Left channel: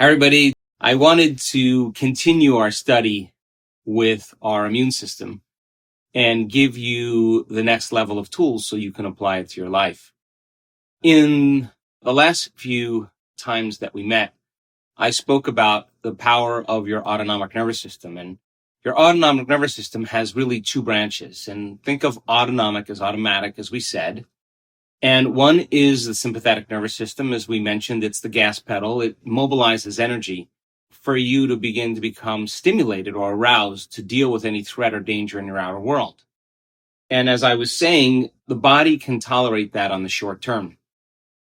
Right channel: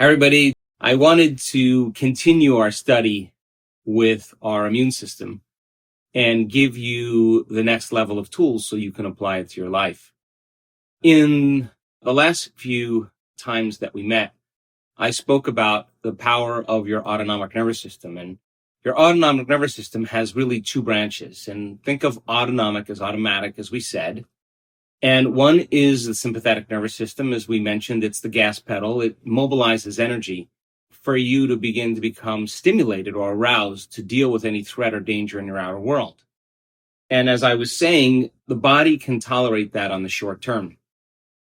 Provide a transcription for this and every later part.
Hi, everybody. I wanted to continue our study with our immune system and give you the next level of tools so you can apply it to your life. In the last few times that we met, I spoke about the power of your autonomic nervous system. And your autonomic nervous system has really two branches. And think of autonomic as automatic, as we said. And one is the sympathetic nervous system. As we mentioned, it's the gas pedal. It mobilizes energy for you to begin to become stimulated or aroused to deal with any threat or danger in your outer world. And as I was saying, the body can tolerate that on the short term.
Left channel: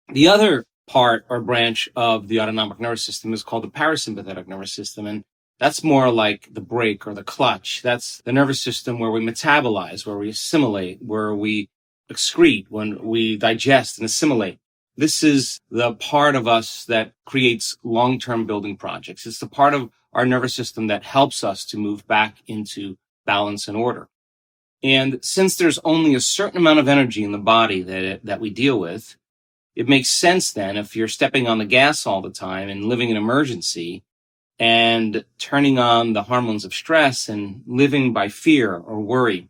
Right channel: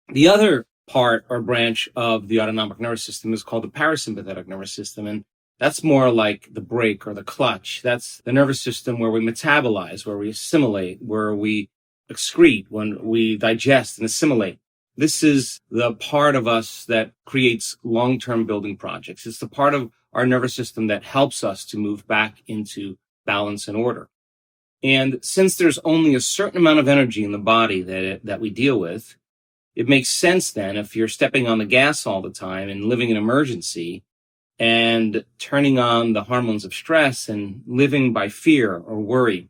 The other part or branch of the autonomic nervous system is called the parasympathetic nervous system. And that's more like the brake or the clutch. That's the nervous system where we metabolize, where we assimilate, where we excrete, when we digest and assimilate. This is the part of us that creates long-term building projects. It's the part of our nervous system that helps us to move back into balance and order. And since there's only a certain amount of energy in the body that we deal with, it makes sense then if you're stepping on the gas all the time and living in emergency and turning on the hormones of stress and living by fear or worry,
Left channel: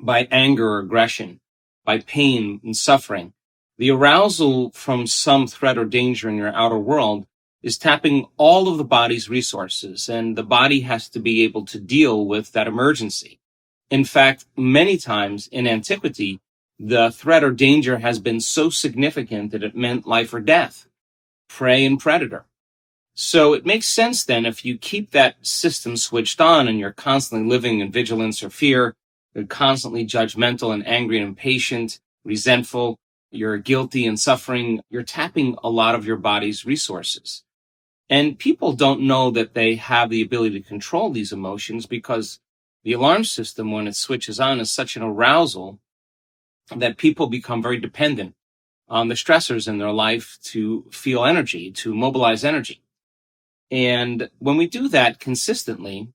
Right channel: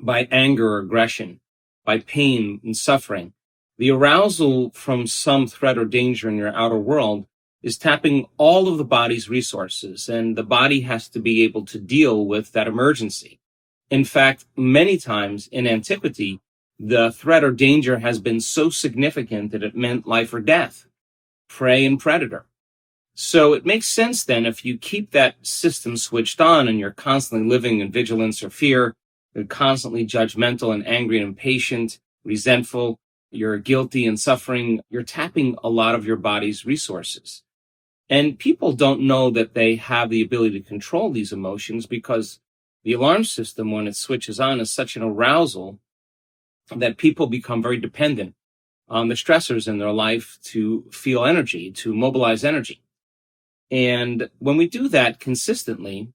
by anger or aggression, by pain and suffering. The arousal from some threat or danger in your outer world is tapping all of the body's resources, and the body has to be able to deal with that emergency. In fact, many times in antiquity, the threat or danger has been so significant that it meant life or death, prey and predator. So it makes sense then if you keep that system switched on and you're constantly living in vigilance or fear, you're constantly judgmental and angry and impatient, resentful, you're guilty and suffering, you're tapping a lot of your body's resources. And people don't know that they have the ability to control these emotions because the alarm system, when it switches on, is such an arousal that people become very dependent on the stressors in their life to feel energy, to mobilize energy. And when we do that consistently,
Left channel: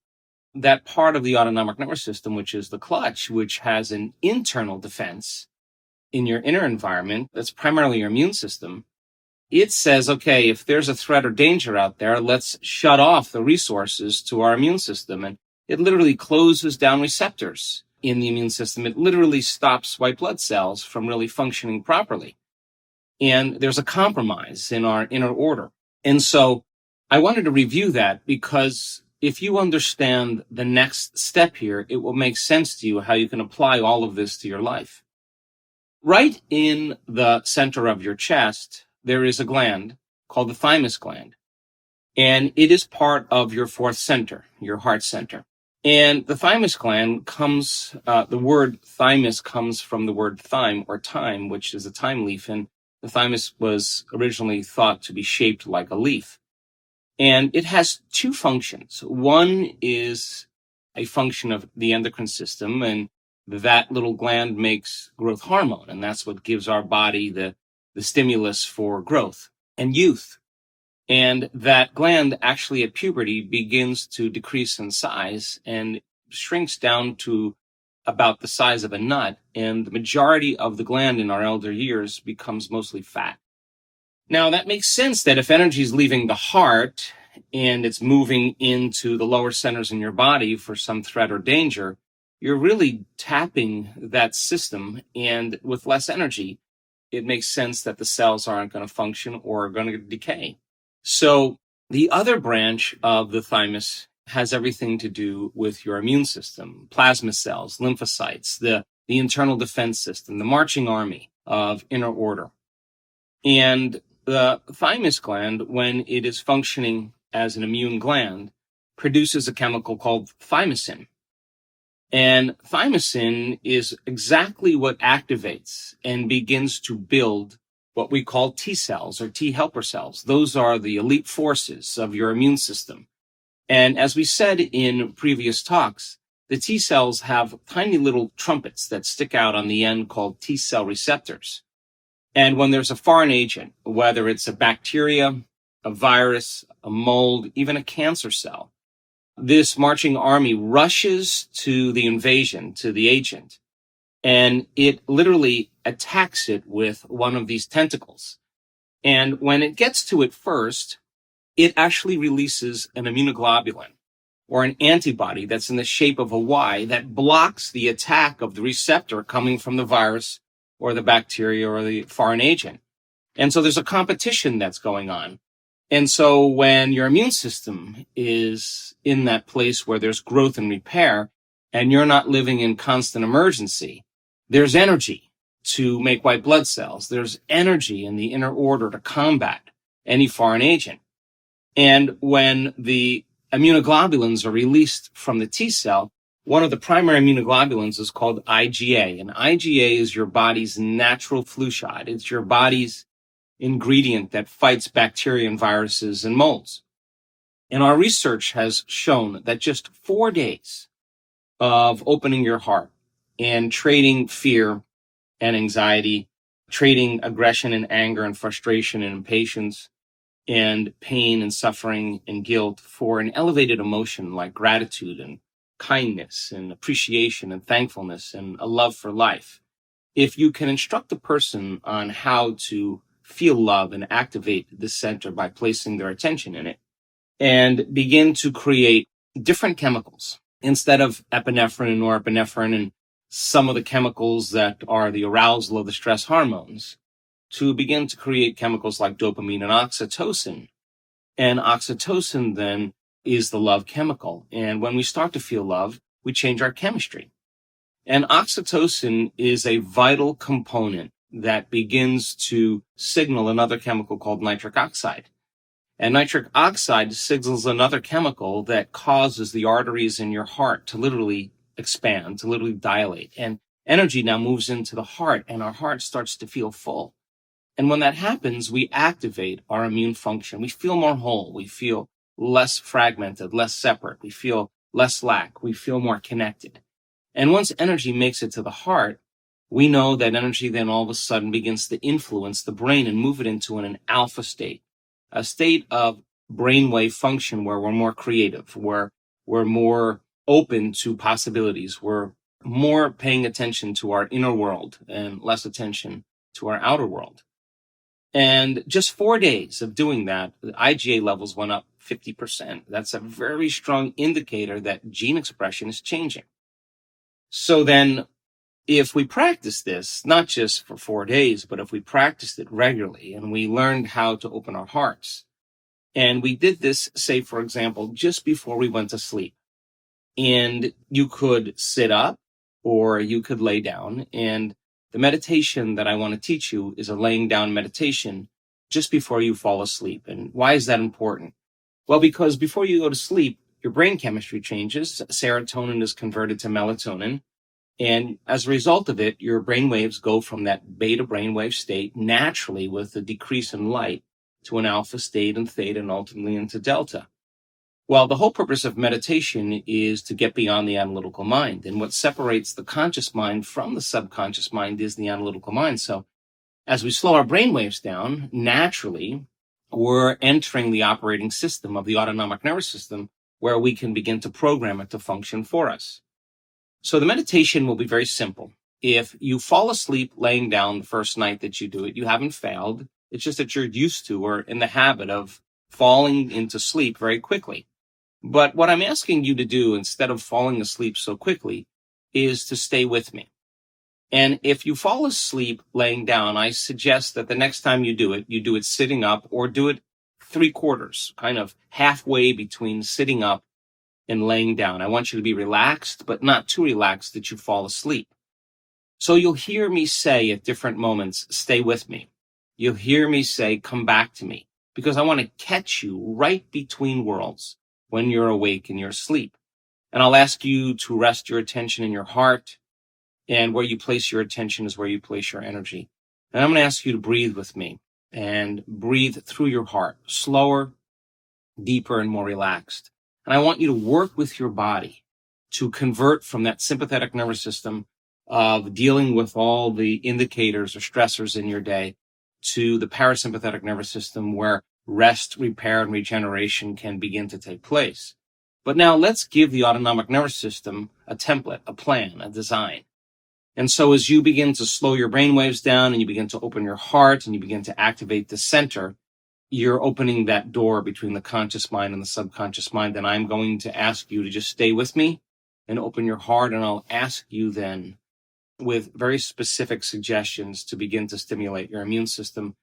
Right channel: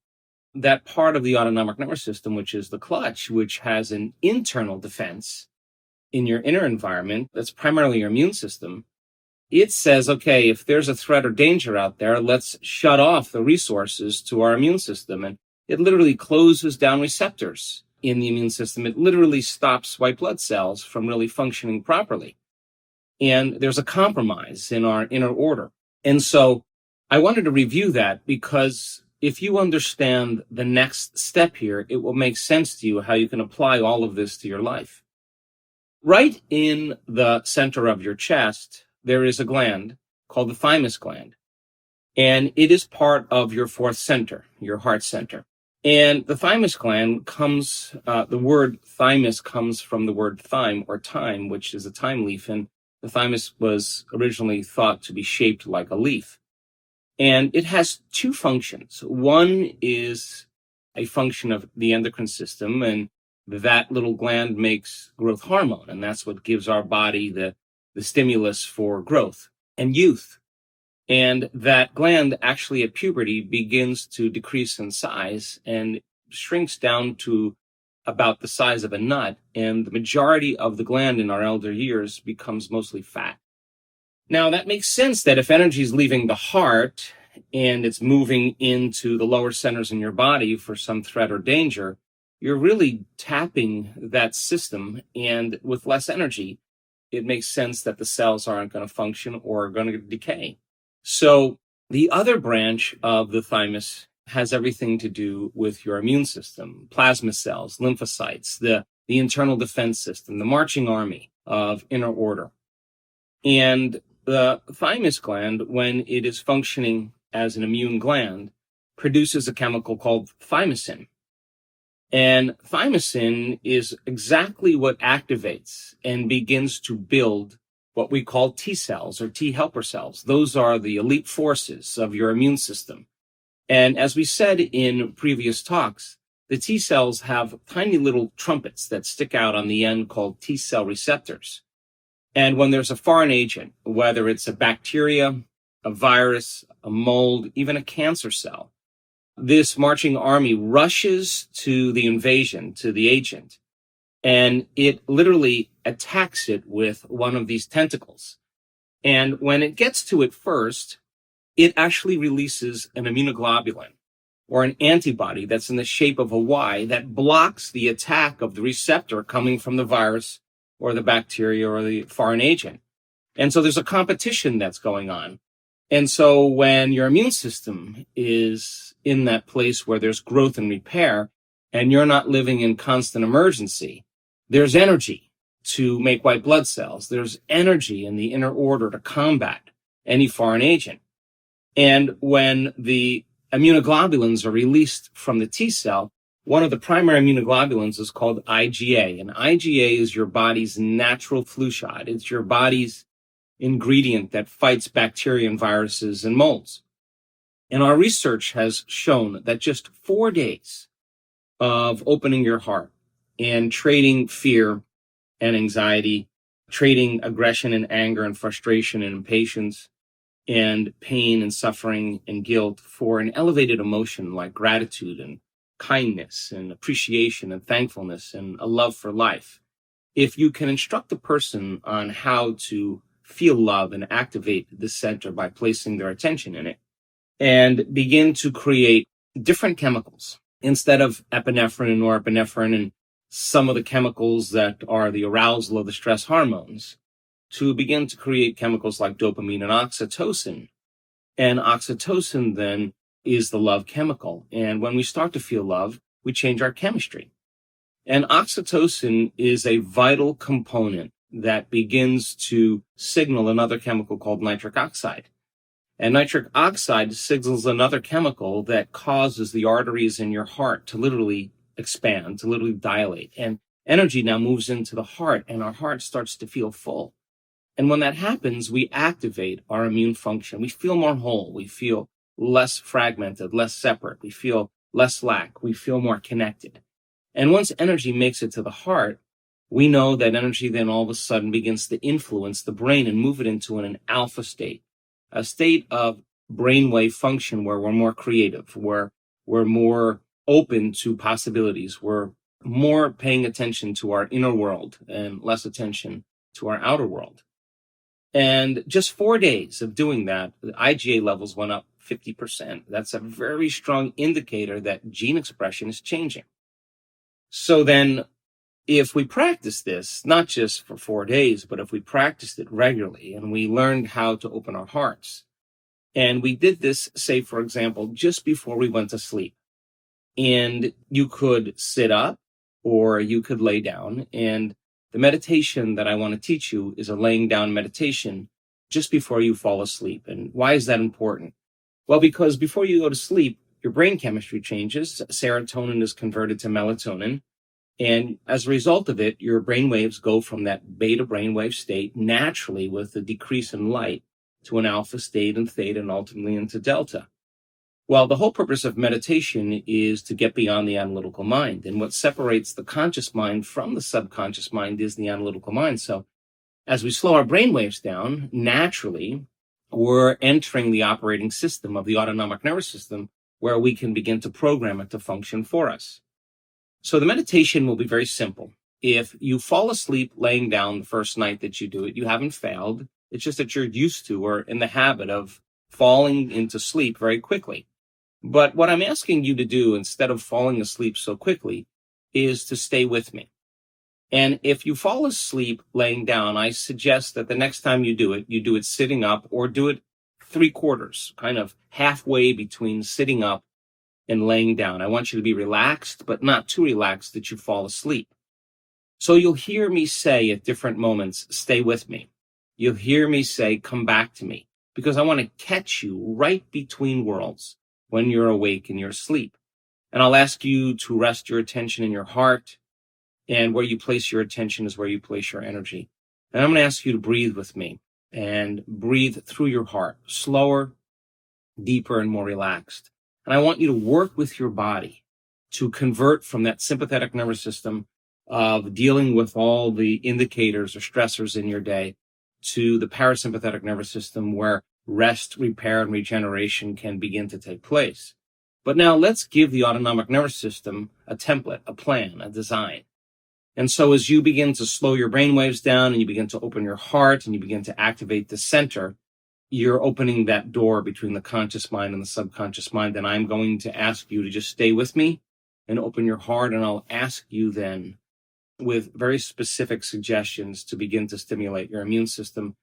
that part of the autonomic nervous system, which is the clutch, which has an internal defense in your inner environment, that's primarily your immune system, it says, okay, if there's a threat or danger out there, let's shut off the resources to our immune system. And it literally closes down receptors in the immune system. It literally stops white blood cells from really functioning properly. And there's a compromise in our inner order. And so I wanted to review that because if you understand the next step here, it will make sense to you how you can apply all of this to your life. Right in the center of your chest, there is a gland called the thymus gland. And it is part of your fourth center, your heart center. And the thymus gland comes, the word thymus comes from the word thyme or thyme, which is a thyme leaf. And the thymus was originally thought to be shaped like a leaf. And it has two functions. One is a function of the endocrine system, and that little gland makes growth hormone, and that's what gives our body the stimulus for growth and youth. And that gland actually at puberty begins to decrease in size and shrinks down to about the size of a nut, and the majority of the gland in our elder years becomes mostly fat. Now, that makes sense that if energy is leaving the heart and it's moving into the lower centers in your body for some threat or danger, you're really tapping that system. And with less energy, it makes sense that the cells aren't going to function or are going to decay. So the other branch of the thymus has everything to do with your immune system, plasma cells, lymphocytes, the internal defense system, the marching army of inner order. And the thymus gland, when it is functioning as an immune gland, produces a chemical called thymosin. And thymosin is exactly what activates and begins to build what we call T cells or T helper cells. Those are the elite forces of your immune system. And as we said in previous talks, the T cells have tiny little trumpets that stick out on the end called T cell receptors. And when there's a foreign agent, whether it's a bacteria, a virus, a mold, even a cancer cell, this marching army rushes to the invasion, to the agent, and it literally attacks it with one of these tentacles. And when it gets to it first, it actually releases an immunoglobulin or an antibody that's in the shape of a Y that blocks the attack of the receptor coming from the virus or the bacteria or the foreign agent. And so there's a competition that's going on. And so when your immune system is in that place where there's growth and repair, and you're not living in constant emergency, there's energy to make white blood cells. There's energy in the inner order to combat any foreign agent. And when the immunoglobulins are released from the T cell, one of the primary immunoglobulins is called IgA. And IgA is your body's natural flu shot. It's your body's ingredient that fights bacteria and viruses and molds. And our research has shown that just 4 days of opening your heart and trading fear and anxiety, trading aggression and anger and frustration and impatience and pain and suffering and guilt for an elevated emotion like gratitude and kindness and appreciation and thankfulness and a love for life. If you can instruct a person on how to feel love and activate this center by placing their attention in it and begin to create different chemicals instead of epinephrine and norepinephrine and some of the chemicals that are the arousal of the stress hormones, to begin to create chemicals like dopamine and oxytocin. And oxytocin then is the love chemical. And when we start to feel love, we change our chemistry. And oxytocin is a vital component that begins to signal another chemical called nitric oxide. And nitric oxide signals another chemical that causes the arteries in your heart to literally expand, to literally dilate. And energy now moves into the heart, and our heart starts to feel full. And when that happens, we activate our immune function. We feel more whole. We feel less fragmented, less separate. We feel less lack. We feel more connected. And once energy makes it to the heart, we know that energy then all of a sudden begins to influence the brain and move it into an alpha state, a state of brainwave function where we're more creative, where we're more open to possibilities. We're more paying attention to our inner world and less attention to our outer world. And just 4 days of doing that, the IgA levels went up 50%. That's a very strong indicator that gene expression is changing. So then if we practice this, not just for 4 days, but if we practiced it regularly and we learned how to open our hearts, and we did this, say, for example, just before we went to sleep, and you could sit up or you could lay down, and the meditation that I want to teach you is a laying down meditation just before you fall asleep. And why is that important? Well, because before you go to sleep, your brain chemistry changes. Serotonin is converted to melatonin. And as a result of it, your brain waves go from that beta brainwave state naturally with a decrease in light to an alpha state and theta and ultimately into delta. Well, the whole purpose of meditation is to get beyond the analytical mind. And what separates the conscious mind from the subconscious mind is the analytical mind. So as we slow our brain waves down, naturally, we're entering the operating system of the autonomic nervous system where we can begin to program it to function for us. So the meditation will be very simple. If you fall asleep laying down the first night that you do it, you haven't failed. It's just that you're used to or in the habit of falling into sleep very quickly. But what I'm asking you to do instead of falling asleep so quickly is to stay with me. And if you fall asleep laying down, I suggest that the next time you do it sitting up or do it 3/4, kind of halfway between sitting up and laying down. I want you to be relaxed, but not too relaxed that you fall asleep. So you'll hear me say at different moments, stay with me. You'll hear me say, come back to me, because I want to catch you right between worlds when you're awake and you're asleep. And I'll ask you to rest your attention in your heart, and where you place your attention is where you place your energy. And I'm going to ask you to breathe with me and breathe through your heart, slower, deeper, and more relaxed. And I want you to work with your body to convert from that sympathetic nervous system of dealing with all the indicators or stressors in your day to the parasympathetic nervous system where rest, repair, and regeneration can begin to take place. But now let's give the autonomic nervous system a template, a plan, a design. And so as you begin to slow your brain waves down and you begin to open your heart and you begin to activate the center, you're opening that door between the conscious mind and the subconscious mind, then I'm going to ask you to just stay with me and open your heart, and I'll ask you then with very specific suggestions to begin to stimulate your immune system.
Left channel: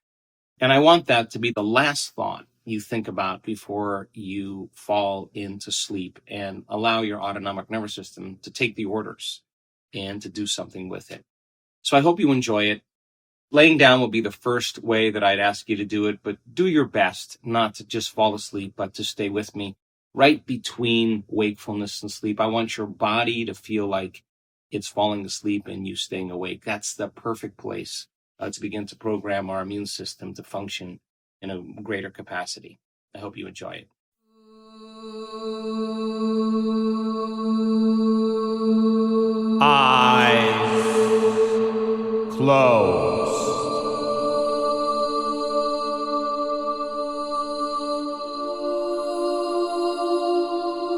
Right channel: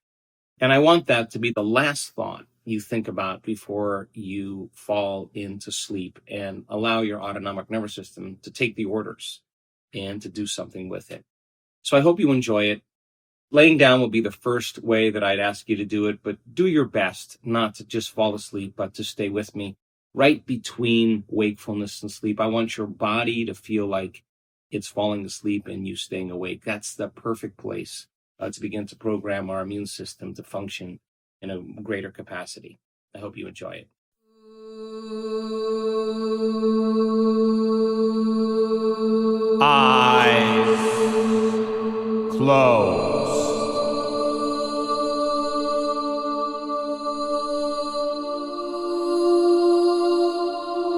And I want that to be the last thought you think about before you fall into sleep, and allow your autonomic nervous system to take the orders and to do something with it. So I hope you enjoy it. Laying down will be the first way that I'd ask you to do it, but do your best not to just fall asleep, but to stay with me right between wakefulness and sleep. I want your body to feel like it's falling asleep and you staying awake. That's the perfect place to begin to program our immune system to function in a greater capacity. I hope you enjoy it. Eyes closed.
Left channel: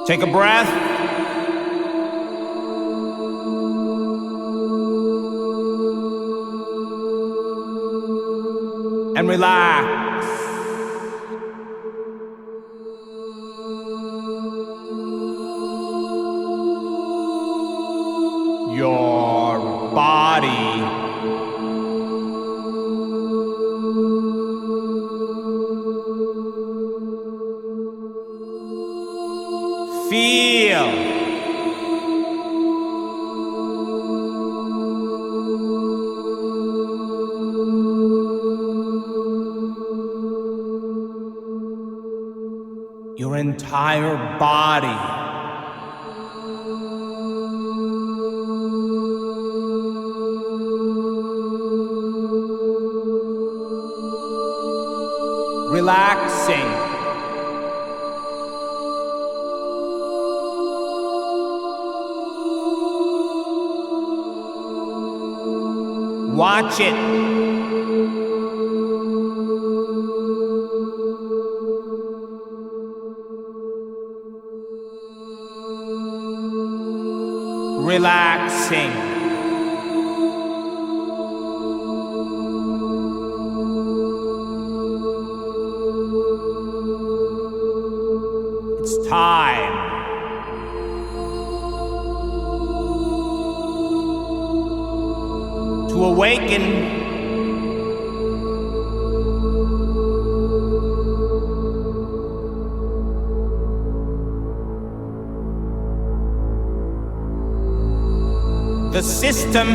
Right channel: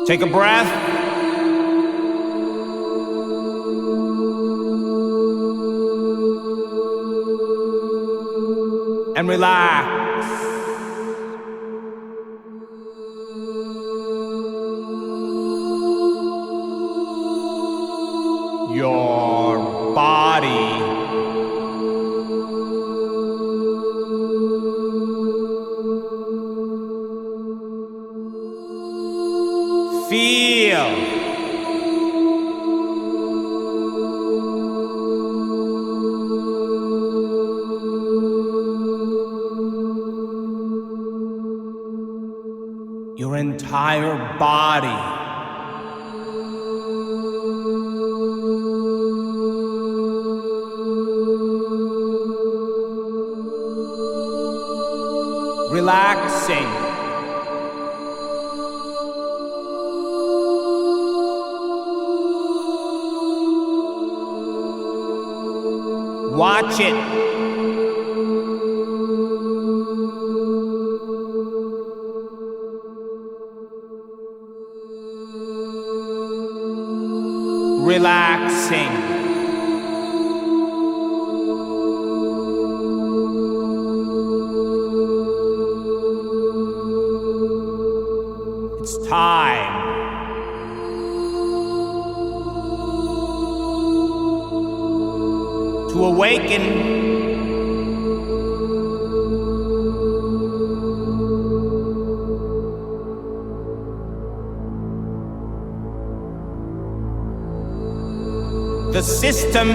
Take a breath. And relax. Your body feel your entire body relaxing. Watch it. Relaxing. It's time to awaken. The system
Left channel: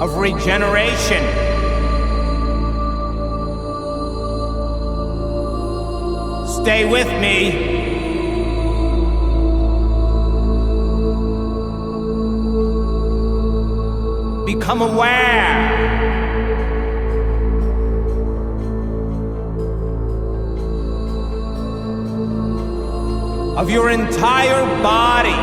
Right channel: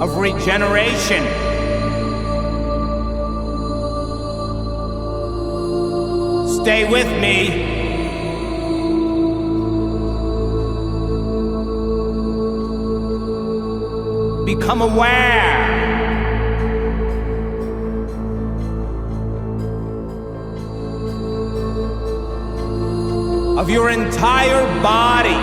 of regeneration. Stay with me. Become aware of your entire body.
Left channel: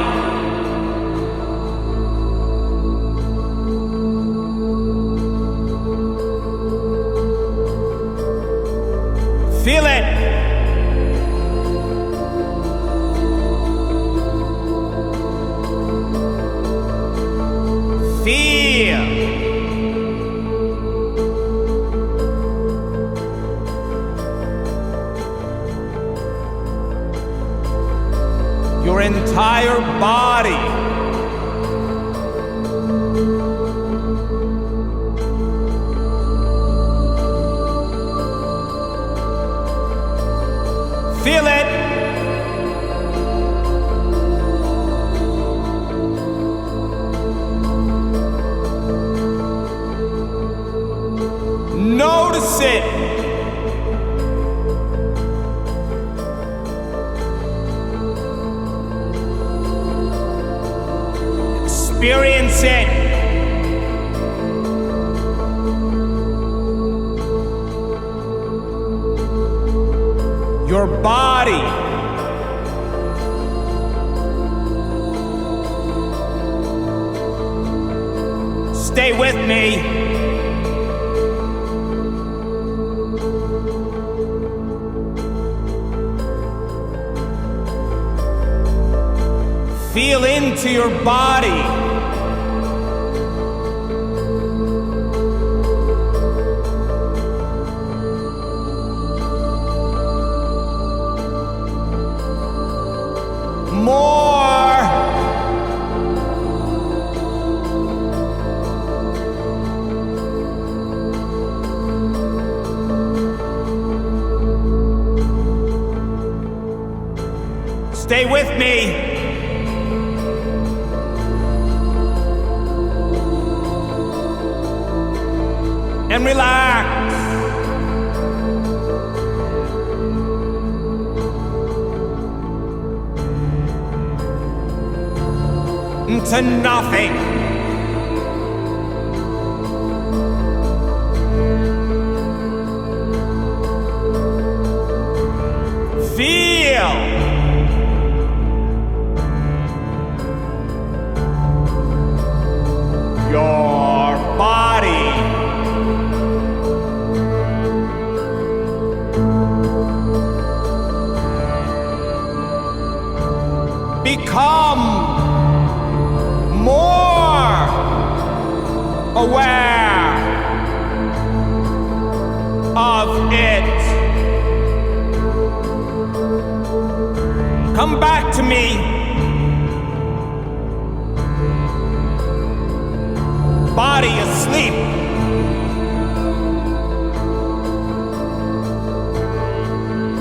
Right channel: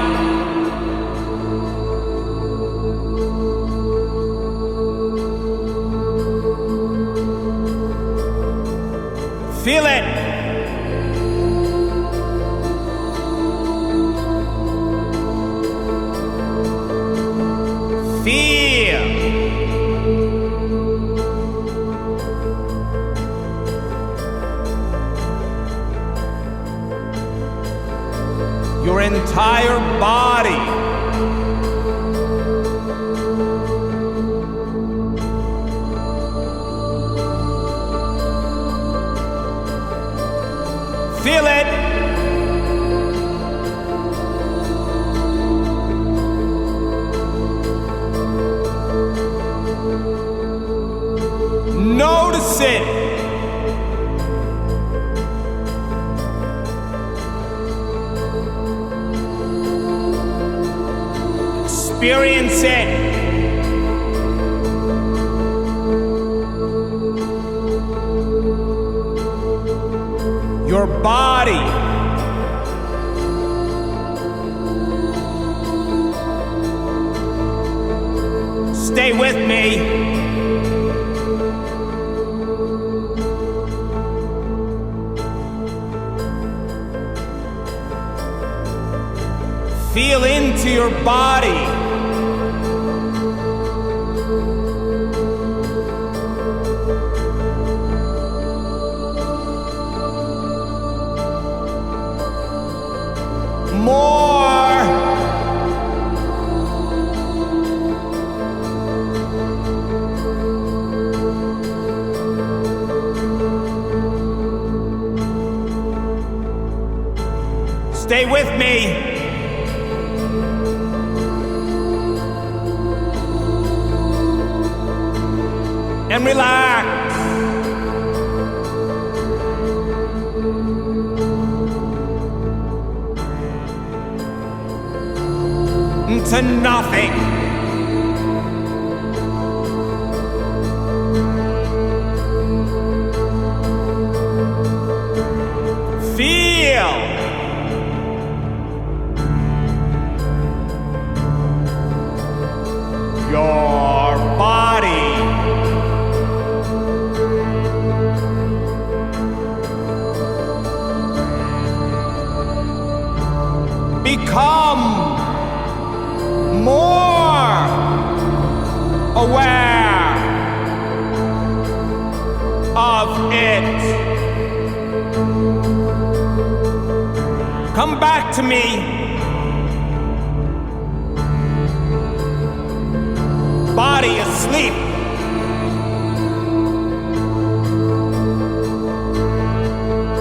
Feel it. Feel your entire body feel it. Notice it. Experience it. Your body stay with me. Feel into your body. more. Stay with me. And relax. Into nothing. Feel. Your body. Become more aware of it. Come back to me. Body asleep.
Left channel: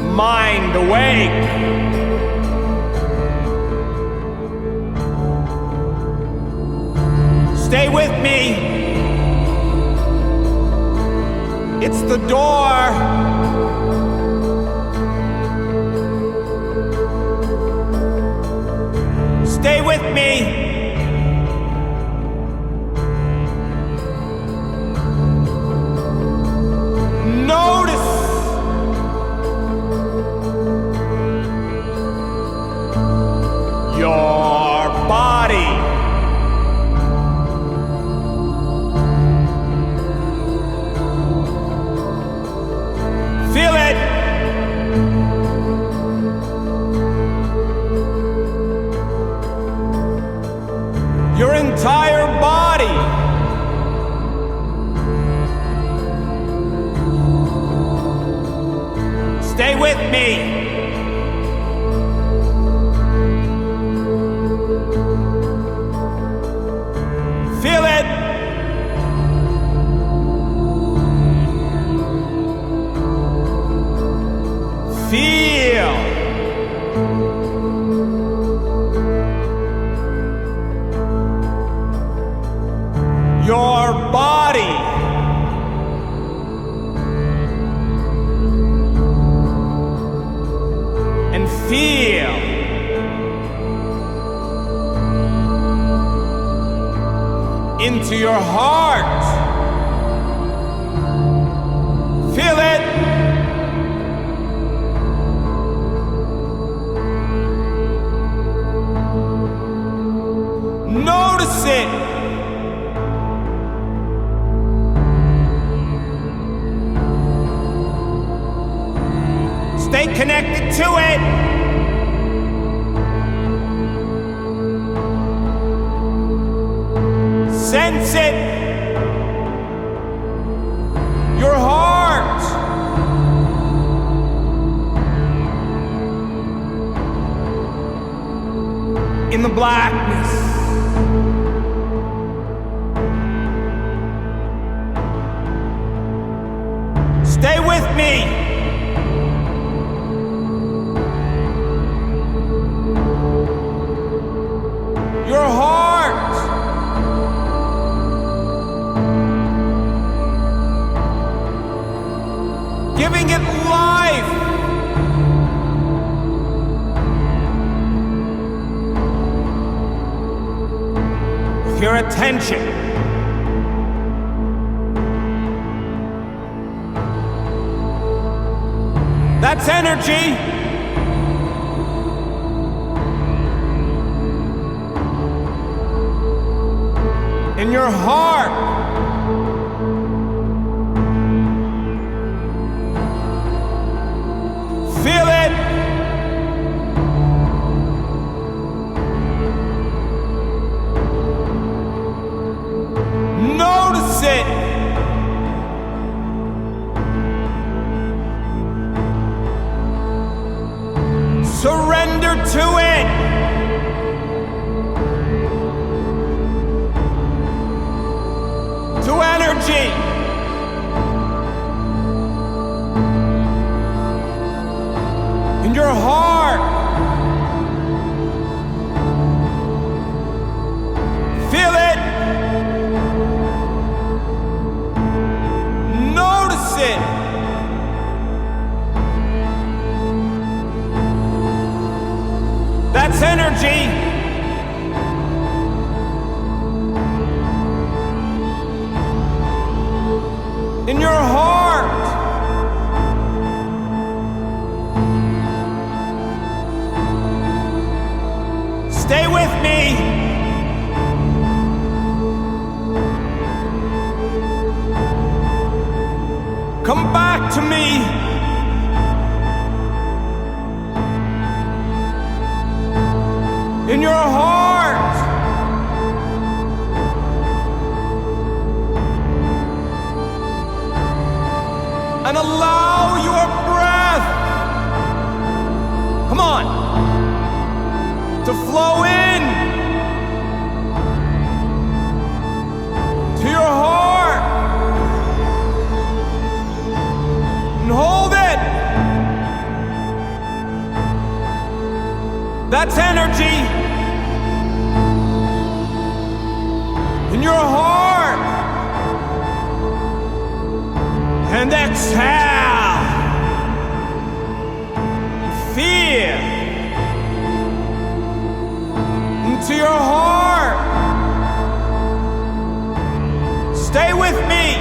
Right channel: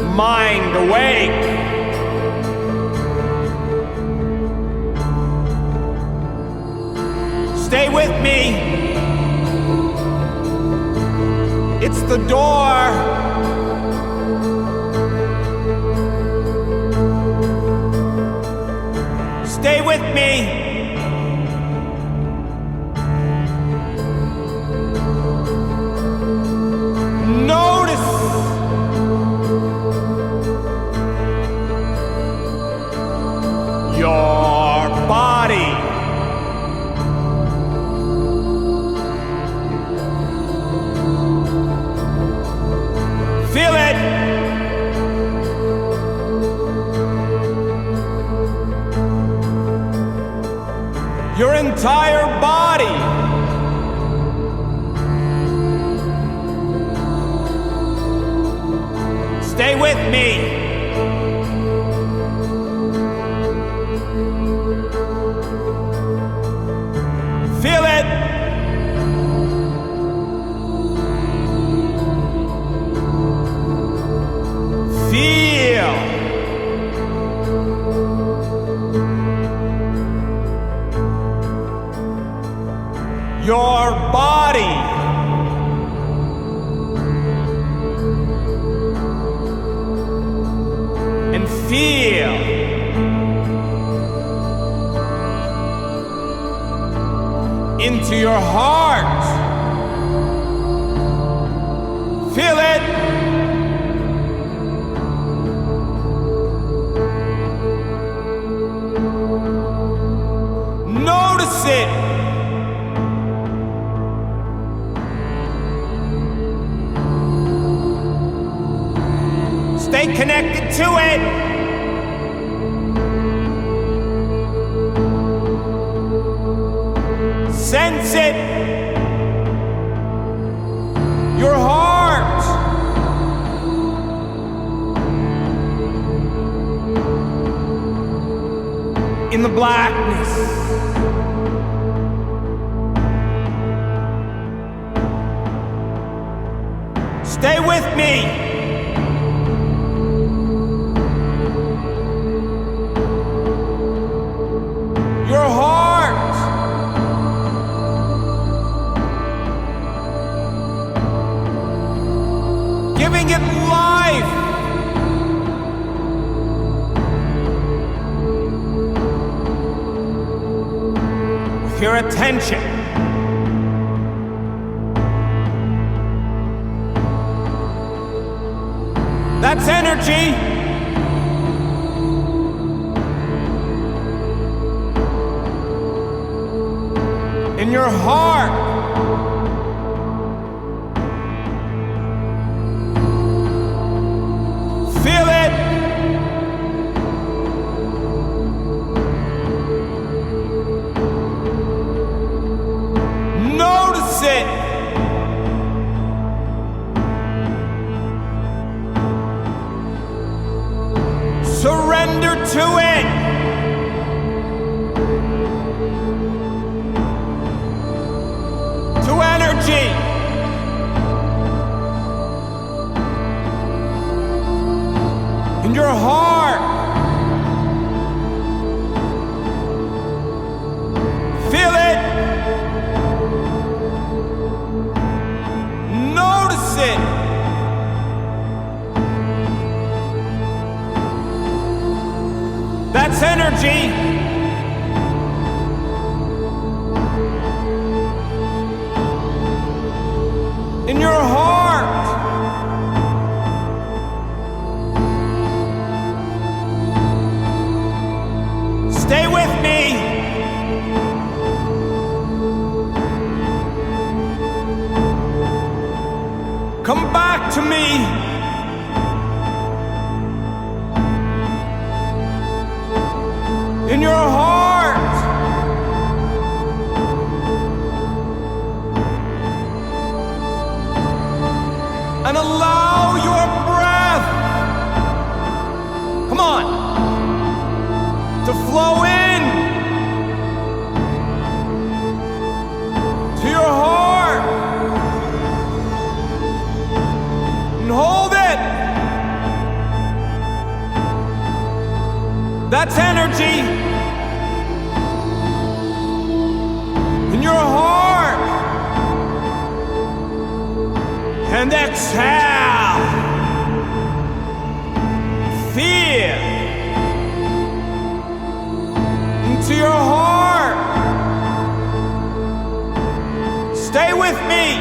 Mind awake. Stay with me. It's the door. Stay with me. Notice your body. Feel it. Your entire body. Stay with me. Feel it. Feel. Your body. And feel. Into your heart. Feel it. Notice it. Stay connected to it. Sense it. Your heart. In the blackness. Stay with me. Your heart. Giving it life. With your attention. That's energy. In your heart. Feel it. Notice it. Surrender to it. energy. In your heart. Feel it. Notice it. That's energy. In your heart. Stay with me. Come back to me. In your heart. And allow your breath, come on, to flow in to your heart. And hold it. That's energy. In your heart. And exhale. Fear into your heart. Stay with me.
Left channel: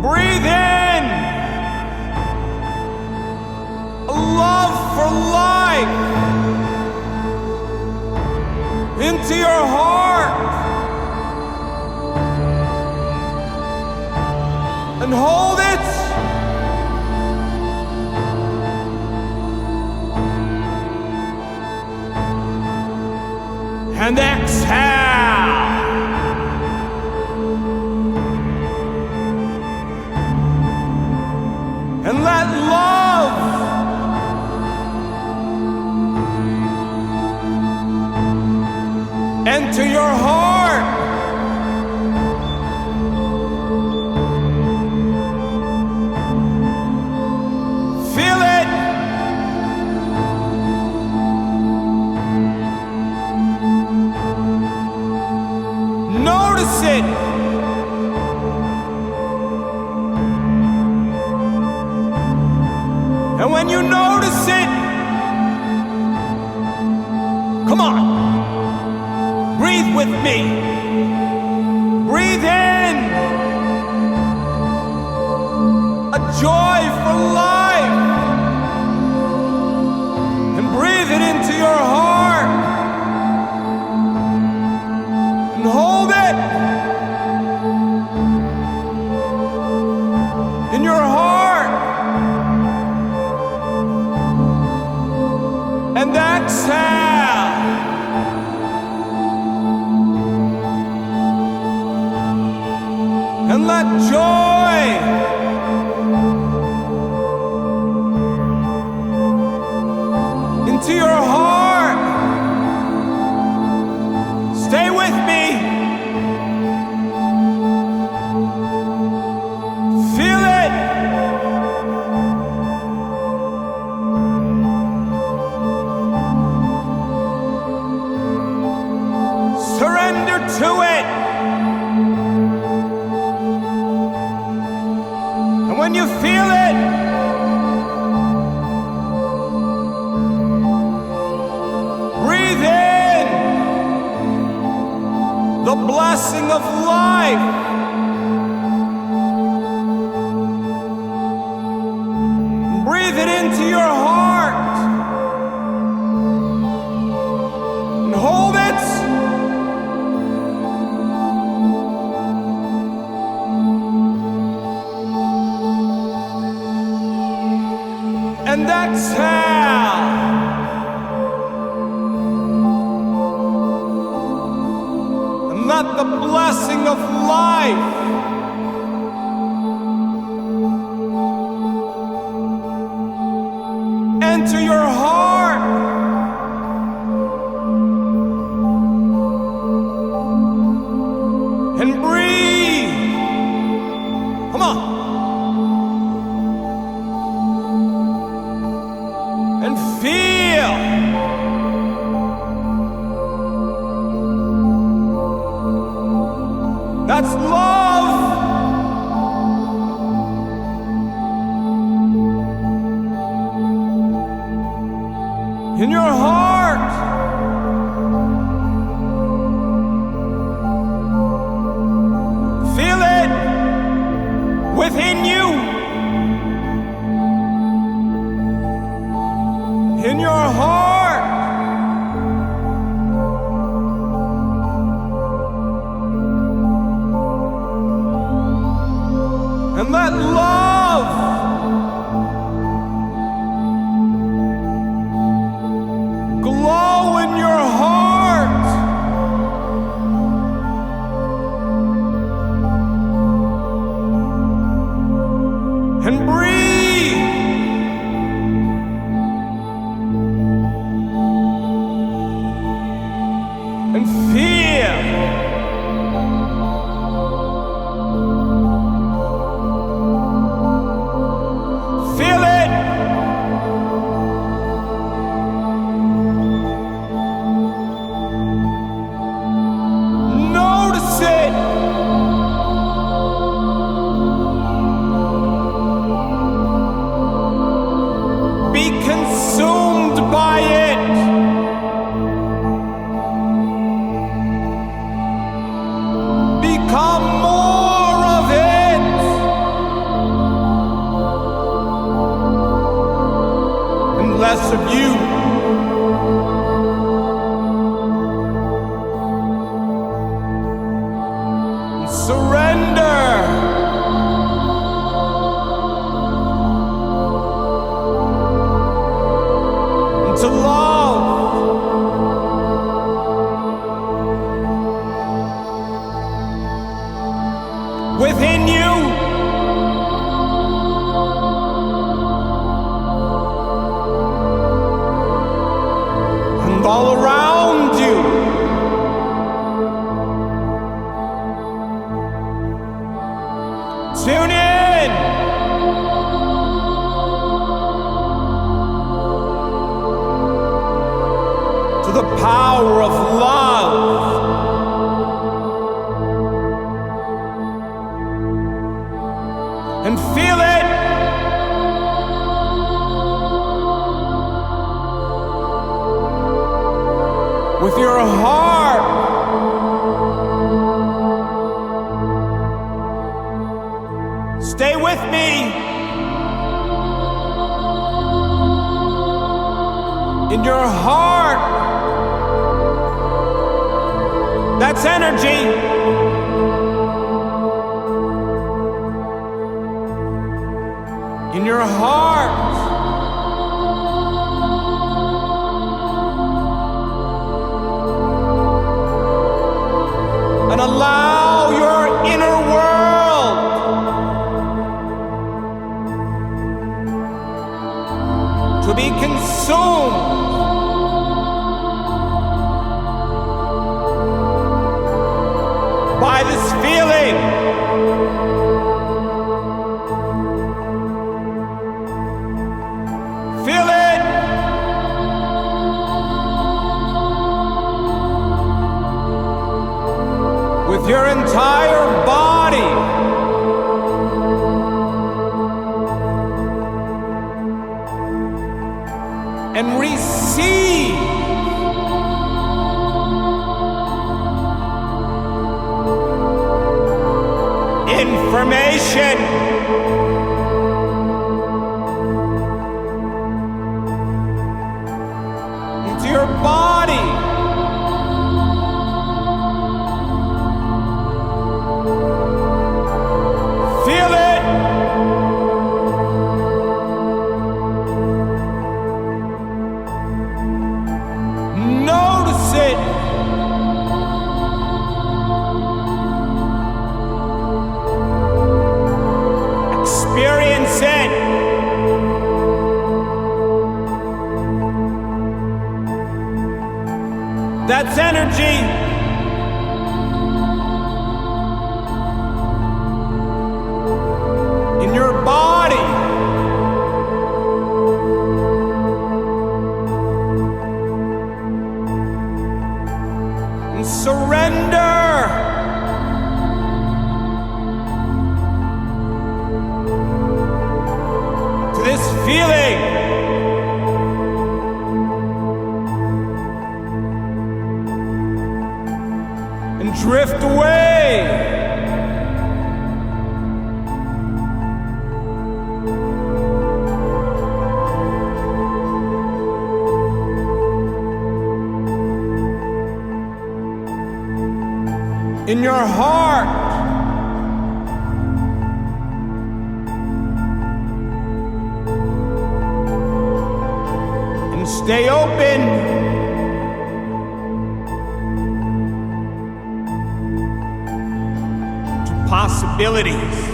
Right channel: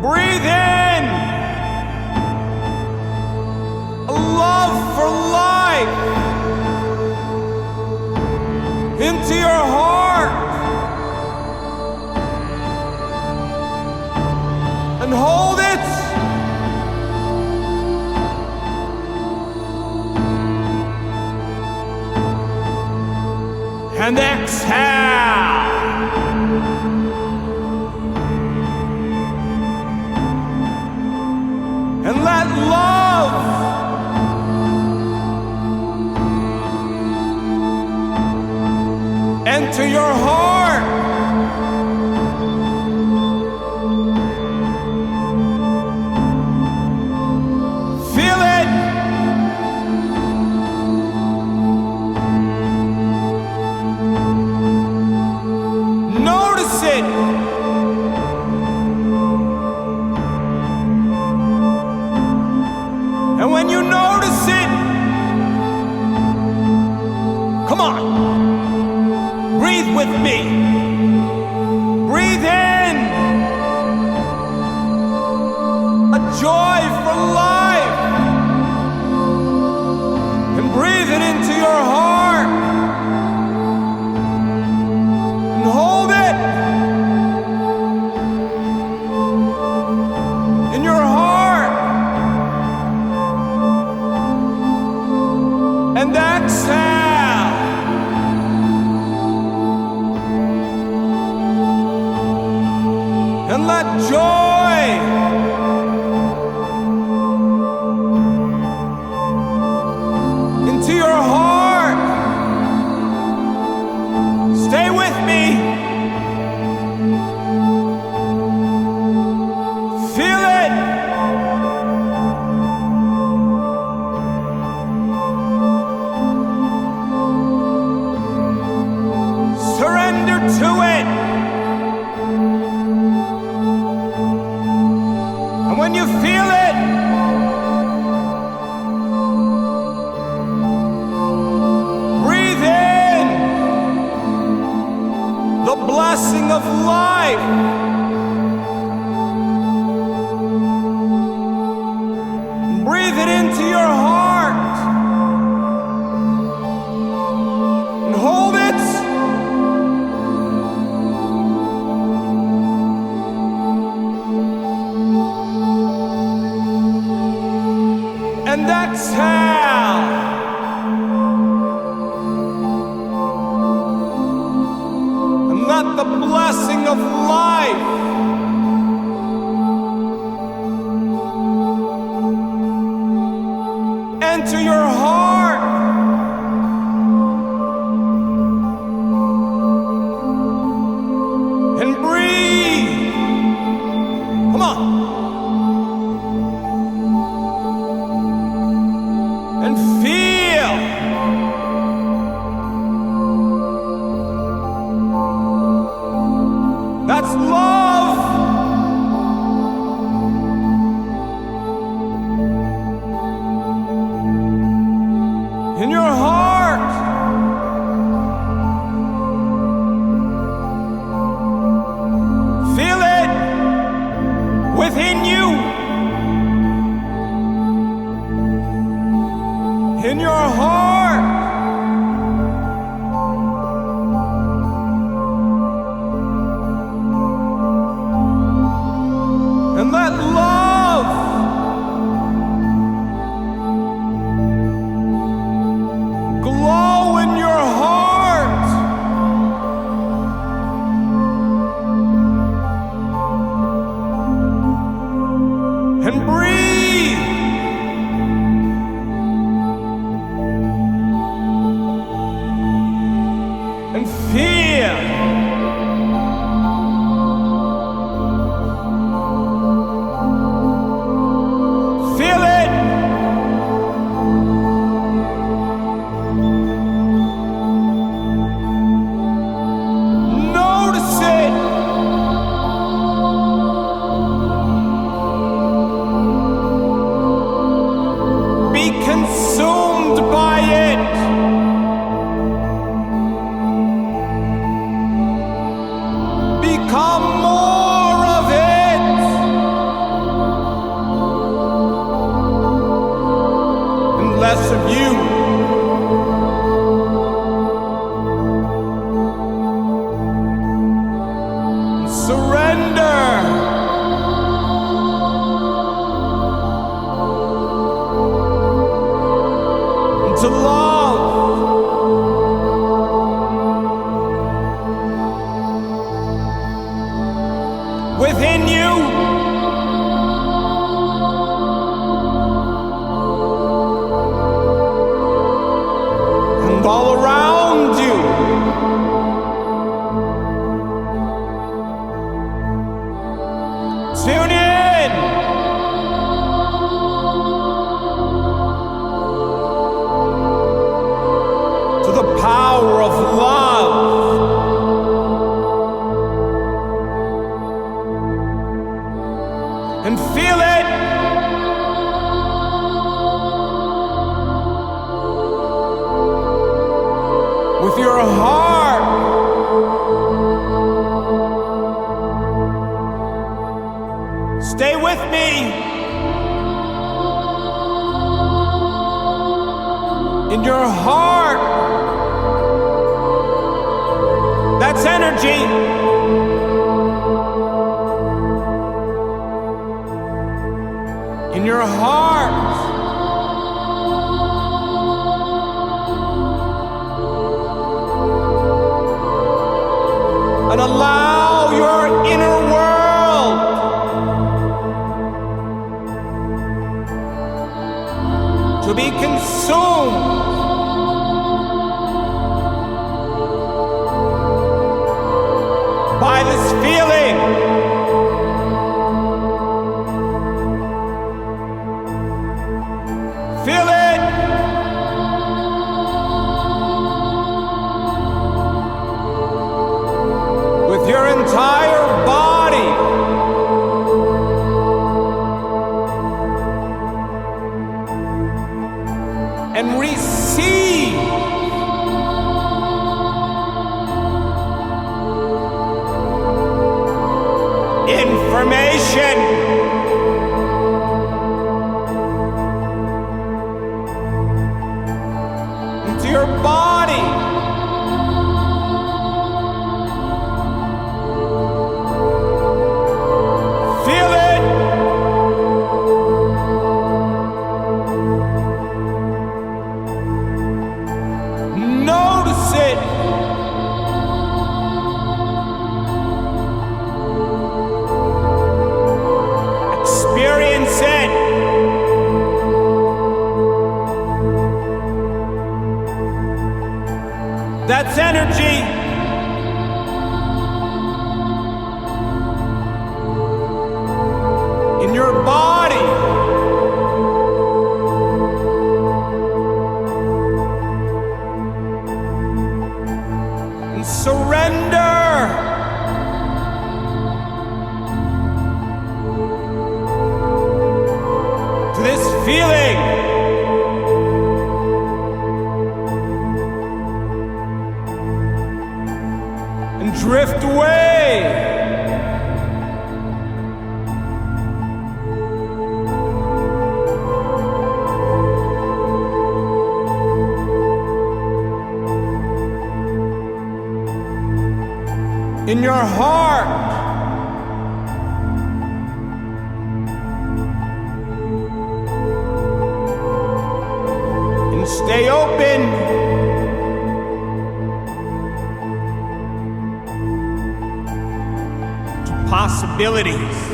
Breathe in a love for life into your heart. And hold it. And exhale. And let love enter your heart. Feel it. Notice it. And when you notice it, come on, breathe with me. Breathe in a joy for life. And breathe it into your heart. And hold it in your heart. And exhale. And let joy into your heart. Stay with me. Feel it. Surrender to it. And when you feel it, breathe in the blessing of life. Breathe it into your heart. And hold it. And exhale. And let the blessing of life enter your heart. Come on. And feel. That's love. In your heart. Feel it within you. In your heart. And let love glow in your heart. And breathe. And feel. Feel it. Notice it. Be consumed by it. Become more of it. And less of you. And surrender. To love. Within you. And all around you. Tune in. To the power of love. And feel it. With your heart. Stay with me. In your heart. That's energy. In your heart. And allow your inner world to be consumed by this feeling. Feel it. With your entire body. And receive information. Into your body. Feel it. Notice it. Experience it. That's energy. feeling. And drift away. In your heart. And stay open to possibilities.